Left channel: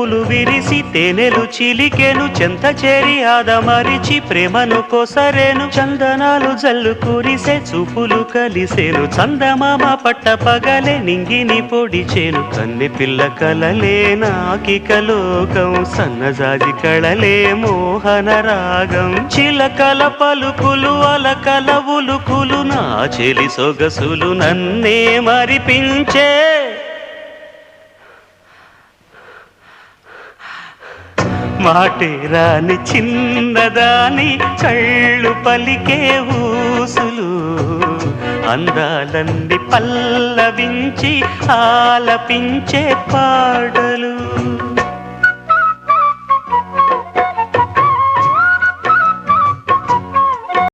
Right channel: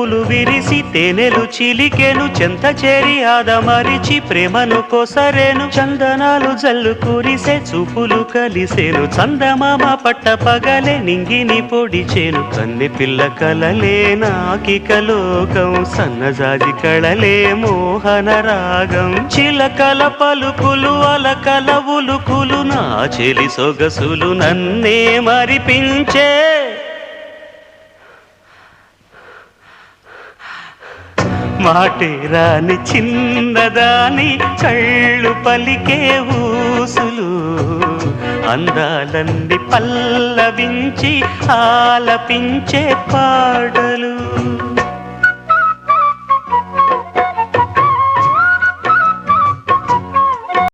పువ్వులు విరిసి తేనెలు చిలికెను చెంత చేరి ఆదమరిచి ప్రేమను కొసరేను చందనాలు జల్లు కురిసే చూపులు కలిసేను చందమామ పట్ట పగలే నింగిని పొడిచేను కన్నె పిల్ల కలలే నాకిక లోకం సన్నజాజి కళలే మోహన రాగం చిలకల పలుకులు అలకల ఉలుకులు నా చెలి సొగసులు నన్నే మరిపించే మాటేరాని చిన్నదాని చళ్ళు పలికే ఊసులు అందాలన్నీ పల్లవించి ఆలపించే పాటలు